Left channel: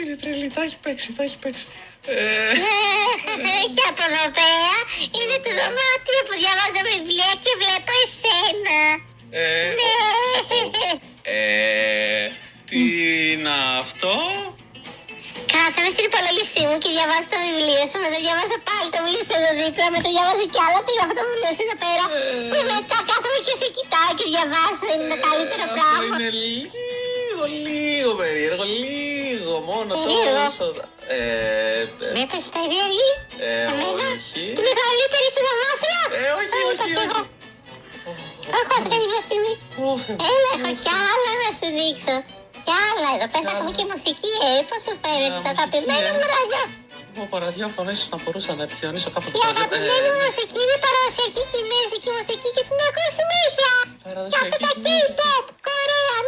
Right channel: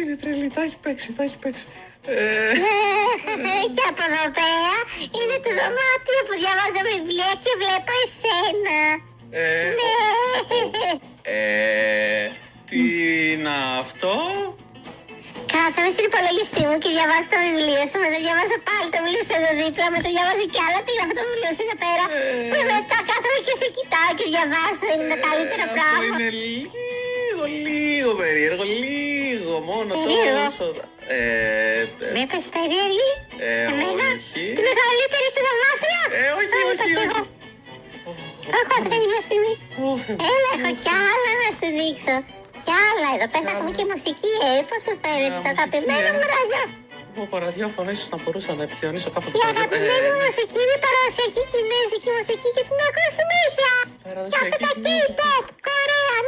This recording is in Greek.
Αυτή είναι τρελή, τα έχει παίξει, τα έχει παίξει. Και από εδώ πέρα είναι το δωμάτιο που διαβάζω βιβλία και βλέπω εσένα. Ναι. Τι είναι αυτό? Κάθομαι στην υπολογιστή μου και διαβάζω το βιβλίο σου. Μετά διαβάζω πάλι το βιβλίο σου εδώ δίπλα. Μετά διαβάζω κι άλλα. Τι είναι αυτό το βιβλίο σου εδώ πέρα. Και μετά κάθομαι και σε κοιτάω και διαβάζω. Είναι το καλύτερο πράγμα. Είναι λίγο περίεργο. Λίγο μόνο τόσο. Με πες περίεργη. Εμένα. Τη μεγαλύτερη σου δωμάτια. Όχι. Όχι, θα κάνει μια στιγμή. Έλα, έχω κι άλλα να σου δείξω. Κι άλλα, εδώ πέρα έχουμε και μουσική, πώς σου φαίνεται το αγαπημένο μου ραδιόφωνο. Από ραδιόφωνο ίσως να μπορούσα να επικοινωνήσω κάποτε. Η αγαπημένη μου μουσική είναι η παραδοσιακή κινέζικη μουσική και την ακούω συνέχεια. Και αυτά τα K-pop, Κορέα,